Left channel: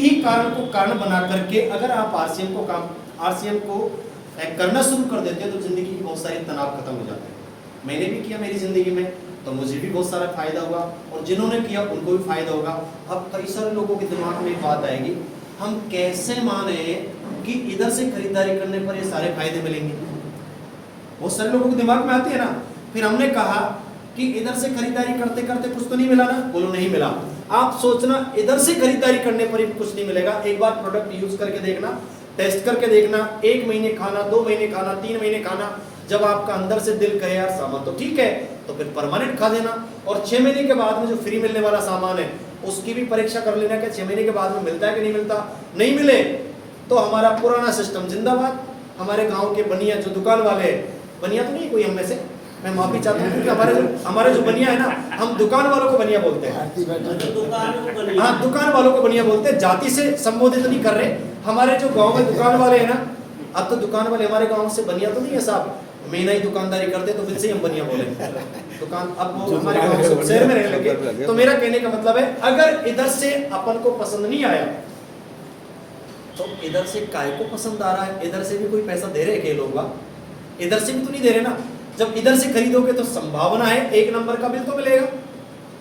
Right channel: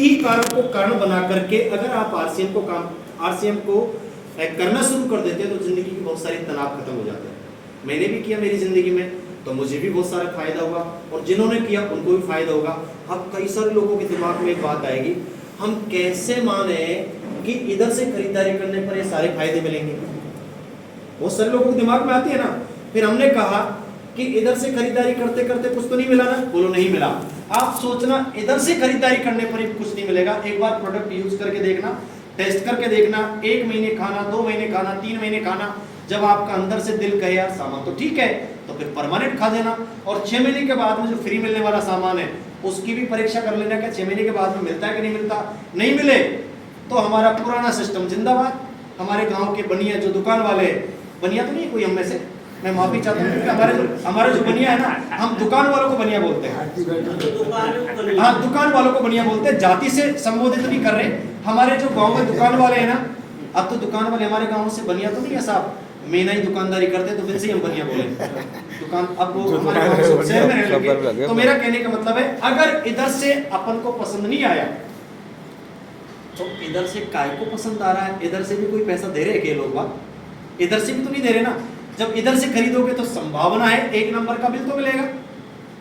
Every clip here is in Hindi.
ही कारण को कारण बना करके अगर आप आरसीएम को करना शुरू कर देते हैं तो जिंदगी की बहुत सारी तनाव खत्म हो जाते हैं। मैंने भी किया मेरी जिंदगी में, तो मुझे भी बहुत सारा फायदा हुआ और जिन्होंने किया उनको भी फायदा होगा। अब कई सारे लोगों के दिमाग में एक बात आएगी, हम कैसे माने कि इधर से खरीदारी करने पर ये सारे फायदे मिलेंगे। बहुत सारे लोगों के दिमाग में आती है ना। फिर हमने कहा कि इधर से खरीदारी करते करते कुछ तो नहीं मिला ना, बोलो नहीं मिला। आप सोचना इधर से खरीदारी करने पर ही कुछ नहीं मिलेगा। एक बार प्रोडक्ट यूज करके देखना, टेस्ट करके देखना, 1 महीने खाना, 2 महीने खाना, 3 महीने खाना, जब आपका अंदर से दिल कहे यार सामान तो ठीक है तो फिर परमानेंट खा देना। और 6 महीने के बाद में जो फ्री मिलने वाला सामान है उसकी भी परीक्षा कर लेना कि 6 महीने के बाद में मिलता है कि नहीं मिलता। नहीं मिले तो हमारा पुराना सिस्टम जिंदाबाद। हमारे गांव के बनिया जो दुकान वाले हैं, बनिया तो नहीं कोई हम में से, मैं माफी चाहता हूँ क्योंकि हमारे जो बनिया है ना, हम दुकान वालों को बनिया बोलते हैं। हाँ, दुकान वालों को बनिया बोलते हैं, जाति से संबोधित नहीं कर रहे। हमारे जो गांव में दुकान वाले हैं ना, अब तो दुकान वाले हमारे गांव से बनिया तो नहीं है साहब, महीना ही दुकानदारी करते तो फिर से हम बनिया बोले दुकान। अब वो हमारे गांव से शहर में रहने लगे। तो मेरा कहने का मतलब है, अगर इधर से अपन को पसंद नहीं आया तो इधर से काय को पसंद आ रहा है। इधर से भी कोई पैसा दे रहे हैं लोग, इधर से भी तो नहीं दे रहे ना। जब इधर से खरीदोगे तो संभावना है 1 नंबर का बिल तो मिलेगा।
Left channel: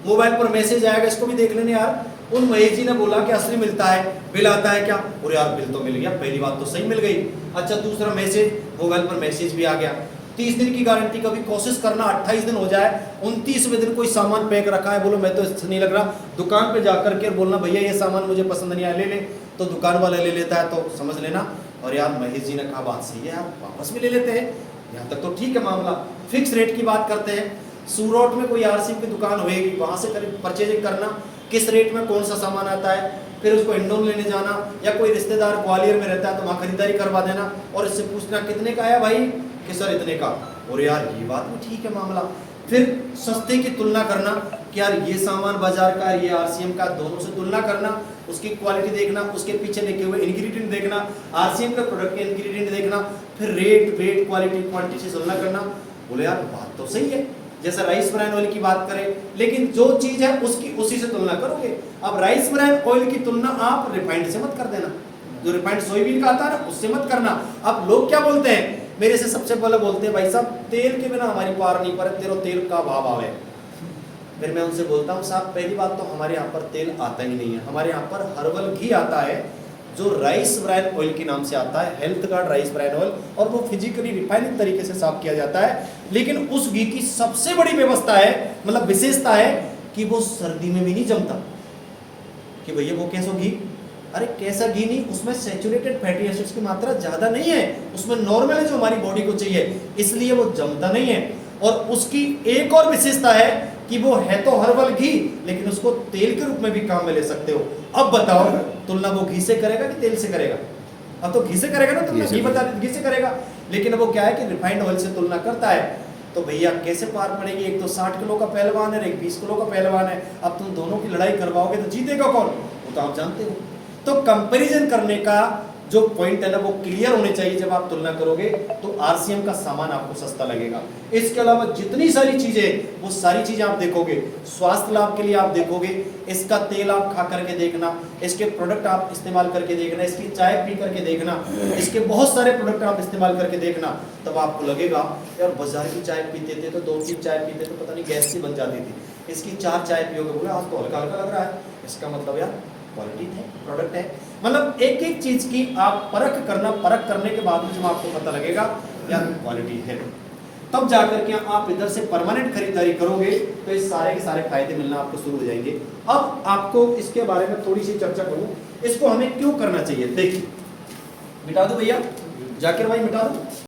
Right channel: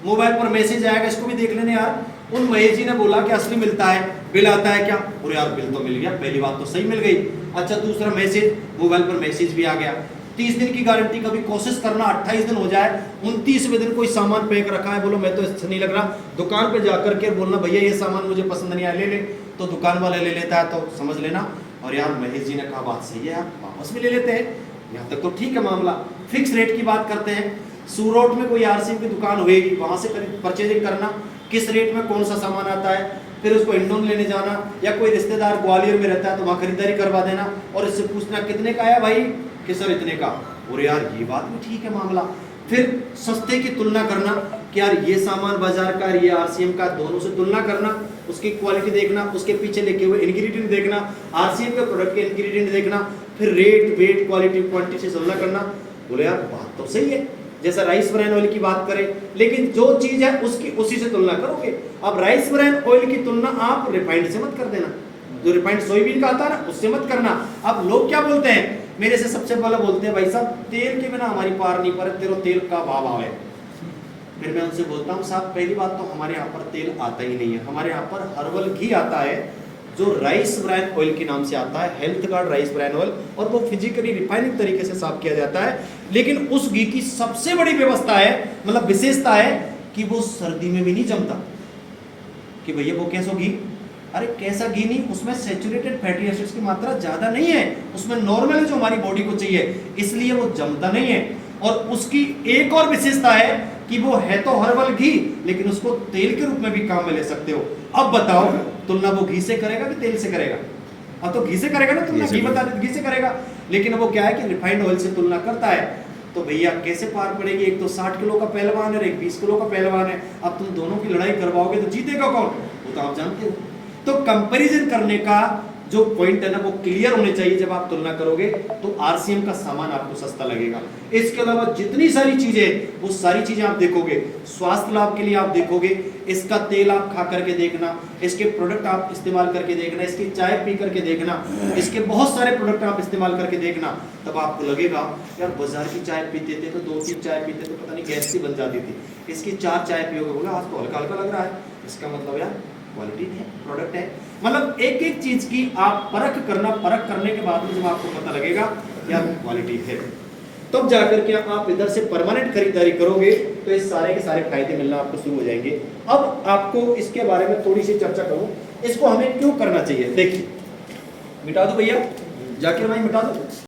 मोबाइल पर मैसेज आएगा, इसको भी देख लेने यार, उन महेश जी ने बोला कि असली मिलता है, बिल आता है क्या? और यार बिल तो मिल गया, पहली बात तो सही मिल गई। अच्छा, दूसरा मैसेज, मोबाइल पर मैसेज भी आ गया, 30 दिन की गारंटी। कभी कोशिश करना 28 दिन हो जाए, 29वें दिन कोई सामान पैक रखा है, बोलो मैं तो इससे नहीं लग रहा, दुकान पे जाकर के बोलना भैया ये सामान मुझे पसंद नहीं आया, ले ले। तो दुकान वाले ले लेता है, तो समझ लेना और यार महेश जी ने कहा बात सही है यार, वापस भी ले लेते हैं। यहाँ तक तो ठीक है मामला। फिक्स रेट की बात करते हैं, सूरत में कोई आरसीएम की दुकान होगी, वहां से परचेजिंग करना, किस रेट में कौन सा सामान आता है, फिर उसको इंडोर लेने जाना, या कोई रिश्तेदार ग्वालियर में रहता है तो वहाँ खरीदारी करवा देना और इससे पूछना कितने का आया भाई, कि सर इतने का। और यार ये बात भी ठीक है मामला। फिर सस्ते की तुलना करना कि यार ये सामान बाजार का, ये आरसीएम का, दोनों से तुलना करना, उसकी क्वालिटी देखना, उसके पीछे लिखे हुए इंग्रेडिएंट देखना, आरसीएम के प्रोडक्ट के इंग्रेडिएंट देखना, फिर रेट, वेट, क्वालिटी, क्वांटिटी से तुलना करना। बोले यार बात तो सही है, जैसा राइस ब्रान ऑयल की बात करें, लेकिन जो चीज है उसकी उसी से तुलना करोगे। अब राइस ब्रान ऑयल की तुलना आप रिफाइंड से मत कर देना, जो रिफाइंड सोयाबीन का आता है ना उससे मत करना। अब लोग क्या बोलते हैं, मेरे से सबसे पहले बोलते हैं भाई साहब तेल के बिना हमारी पार नहीं पर, तेरे तेल का भाव आवे। फिर मैं उनसे बोलता हूँ साहब पहली बात तो हमारे यहाँ पर तेल आता ही नहीं है, हमारे यहाँ पर हर्बल घी आता है जो राइस ब्रान ऑयल के नाम से आता है, health guard rice bran oil, और वो फिजिकली रिफाइनिंग तरीके से साफ किया जाता है। लेकिन उस घी की सबसे बड़ी व्यवस्था है, मतलब विशेषता है कि वो सर्दी में भी नहीं जमता। कि भैया वो कैसा घी, अरे कैसा घी नहीं, उसमें सैचुरेटेड फैटी एसिड्स की मात्रा ज्यादा नहीं है, उसमें नॉर्मल है जो हमारी बॉडी को चाहिए, इसलिए वो जमता नहीं है। और उसकी एक और विशेषता है कि वो है तो हर्बल घी, लेकिन उसको तेल के रूप में भी काम में ले सकते हो। अब बताओ तुलना वो घी से करेगा कि तेल से करेगा? अब तो घी से करेगा ना तुलना, घी बता दे घी से करेगा। लेकिन वो क्या है कि रिफाइंड ऑयल से तुलना करता है। तो भैया कैसे पार पड़ेगी? एक तो 60 किलो का पहलवान है, एक 20 किलो का पहलवान है। अब तुम दोनों की लड़ाई करवाओगे तो जीतेगा कौन? वो तो आप जानते हो। तो कंपैरिजन करने का जो पॉइंट है ना वो क्लियर होने चाहिए। जब आप तुलना करोगे तो आरसीएम का सामान आपको सस्ता लगेगा। इसके अलावा जितनी सारी चीजें, वो सारी चीजें आप देखोगे, स्वास्थ्य लाभ के लिए आप देखोगे, इसका तेल आप खा करके देखना, इसके प्रोडक्ट आप इस्तेमाल करके देखना, इसकी चाय पी करके देखना, इसके बहुत सारे प्रोडक्ट आप इस्तेमाल करके देखना, तब आपको लगेगा यार बाजार की चाय पीते थे तो 2-3 चाय पीते थे पता नहीं गैस सी बन जाती थी, इसकी 4 चाय पियोगे बोला आज तो हल्का हल्का लग रहा है। इसका मतलब यार क्वालिटी है, प्रोडक्ट है। मतलब एक एक चीज की आप परख करने के बाद जब आपको पता लगेगा यार क्वालिटी है, तब जाकर के आप इधर से परमानेंट खरीदारी करोगे तो इस सारे के सारे फायदे मिलना आपको शुरू हो जाएंगे। अब आपको इसके बारे में थोड़ी सी चर्चा करूं, इसको हमें क्यों करना चाहिए। देखिए, मिटा दो भैया, जाकिर भाई मिटा दो।